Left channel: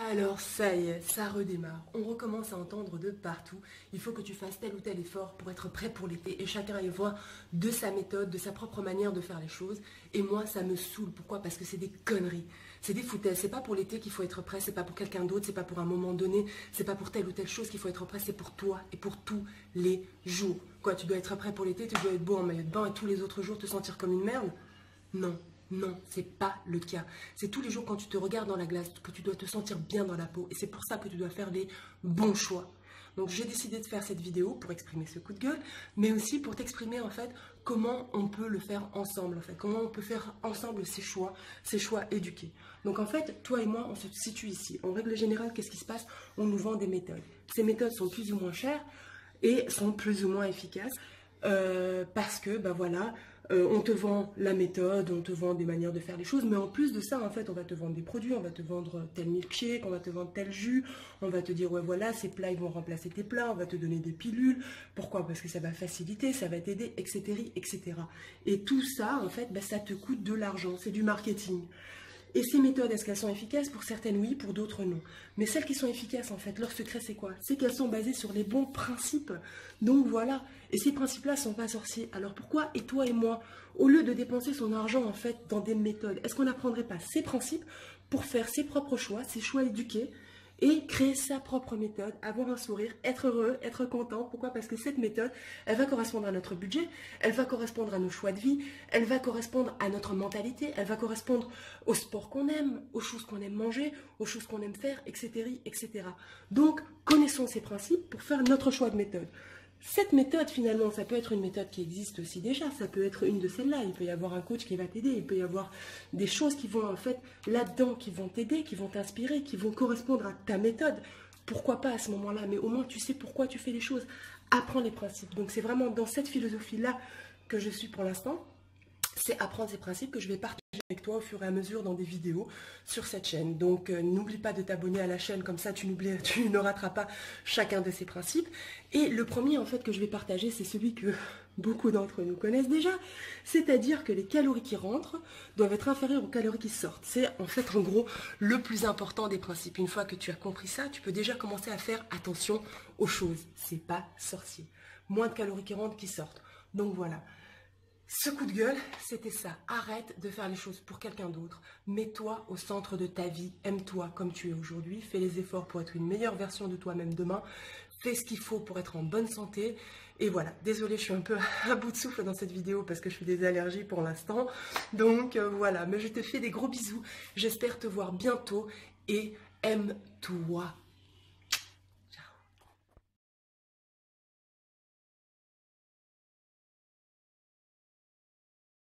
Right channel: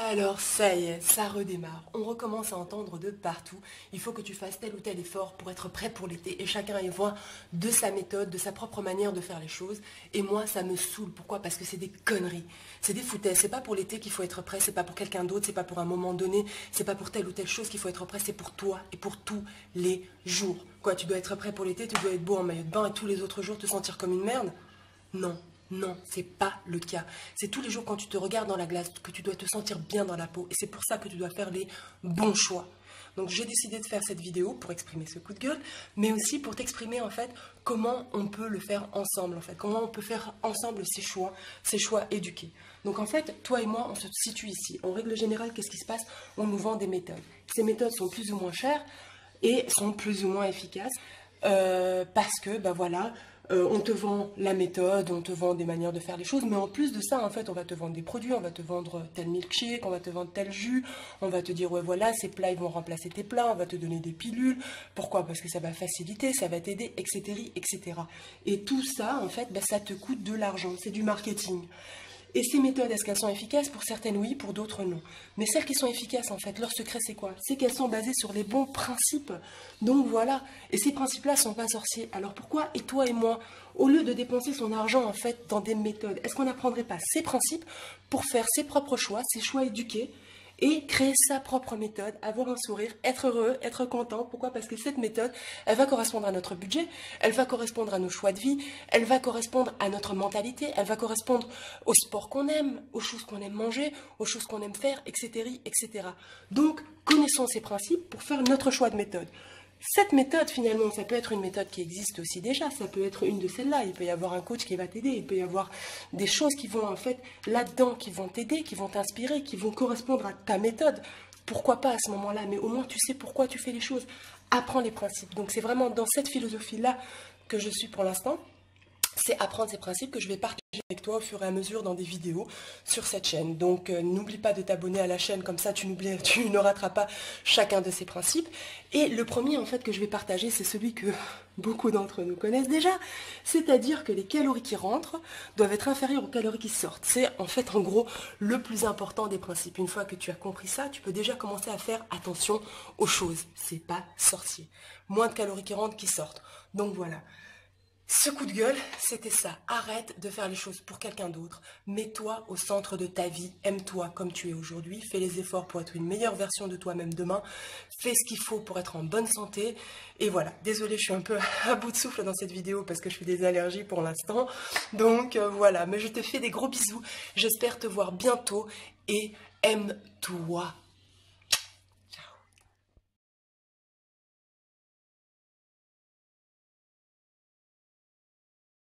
Alors ça y est, ça redémarre. On recommence à entendre de partout. Il faut que tu fasses tel ou tel effort pour être prêt pour l'été. Et chacun y voit de sa méthode, de sa propre manière de faire les choses. Et moi, ça me saoule. Pourquoi? Parce que c'est des conneries. C'est des foutaises. C'est pas pour l'été qu'il faut être prêt. C'est pas pour quelqu'un d'autre. C'est pas pour un moment donné. C'est pas pour telle ou telle chose qu'il faut être prêt. C'est pour toi et pour tous les jours. Quoi, tu dois être prêt pour l'été. Tu dois être beau en maillot de bain et tous les autres jours te sentir comme une merde? Non, non, c'est pas le cas. C'est tous les jours quand tu te regardes dans la glace que tu dois te sentir bien dans la peau. Et c'est pour ça que tu dois faire les bons choix. Donc j'ai décidé de faire cette vidéo pour exprimer ce coup de gueule, mais aussi pour t'exprimer en fait comment on peut le faire ensemble en fait, comment on peut faire ensemble ces choix éduqués. Donc en fait, toi et moi, on se situe ici. En règle générale, qu'est-ce qui se passe? On nous vend des méthodes. Ces méthodes sont plus ou moins chères et sont plus ou moins efficaces. Parce que, ben voilà, on te vend la méthode, on te vend des manières de faire les choses, mais en plus de ça, en fait, on va te vendre des produits, on va te vendre tel milkshake, on va te vendre tel jus, on va te dire, ouais, voilà, ces plats, ils vont remplacer tes plats, on va te donner des pilules. Pourquoi? Parce que ça va faciliter, ça va t'aider, etc., etc. Et tout ça, en fait, ben, ça te coûte de l'argent, c'est du marketing. Et ces méthodes, est-ce qu'elles sont efficaces? Pour certaines, oui, pour d'autres, non. Mais celles qui sont efficaces, en fait, leur secret, c'est quoi? C'est qu'elles sont basées sur les bons principes. Donc voilà. Et ces principes-là sont pas sorciers. Alors pourquoi, et toi et moi, au lieu de dépenser son argent, en fait, dans des méthodes, est-ce qu'on n'apprendrait pas ces principes pour faire ses propres choix, ses choix éduqués, et créer sa propre méthode, avoir un sourire, être heureux, être content? Pourquoi? Parce que cette méthode, elle va correspondre à notre budget, elle va correspondre à nos choix de vie, elle va correspondre à notre mentalité, elle va correspondre au sport qu'on aime, aux choses qu'on aime manger, aux choses qu'on aime faire, etc., etc. Donc, connaissons ces principes pour faire notre choix de méthode. Cette méthode, finalement, ça peut être une méthode qui existe aussi déjà, ça peut être une de celles-là, il peut y avoir un coach qui va t'aider, il peut y avoir des choses qui vont, en fait, là-dedans, qui vont t'aider, qui vont t'inspirer, qui vont correspondre à ta méthode. Pourquoi pas à ce moment-là? Mais au moins, tu sais pourquoi tu fais les choses. Apprends les principes. Donc, c'est vraiment dans cette philosophie-là que je suis pour l'instant. C'est apprendre ces principes que je vais partager avec toi au fur et à mesure dans des vidéos sur cette chaîne. Donc n'oublie pas de t'abonner à la chaîne, comme ça tu ne rateras pas chacun de ces principes. Et le premier en fait que je vais partager, c'est celui que beaucoup d'entre nous connaissent déjà, c'est-à-dire que les calories qui rentrent doivent être inférieures aux calories qui sortent. C'est en fait en gros le plus important des principes. Une fois que tu as compris ça, tu peux déjà commencer à faire attention aux choses. C'est pas sorcier. Moins de calories qui rentrent qui sortent. Donc voilà. Ce coup de gueule, c'était ça. Arrête de faire les choses pour quelqu'un d'autre. Mets-toi au centre de ta vie. Aime-toi comme tu es aujourd'hui. Fais les efforts pour être une meilleure version de toi-même demain. Fais ce qu'il faut pour être en bonne santé. Et voilà. Désolée, je suis un peu à bout de souffle dans cette vidéo parce que je fais des allergies pour l'instant. Donc voilà. Mais je te fais des gros bisous. J'espère te voir bientôt et aime-toi.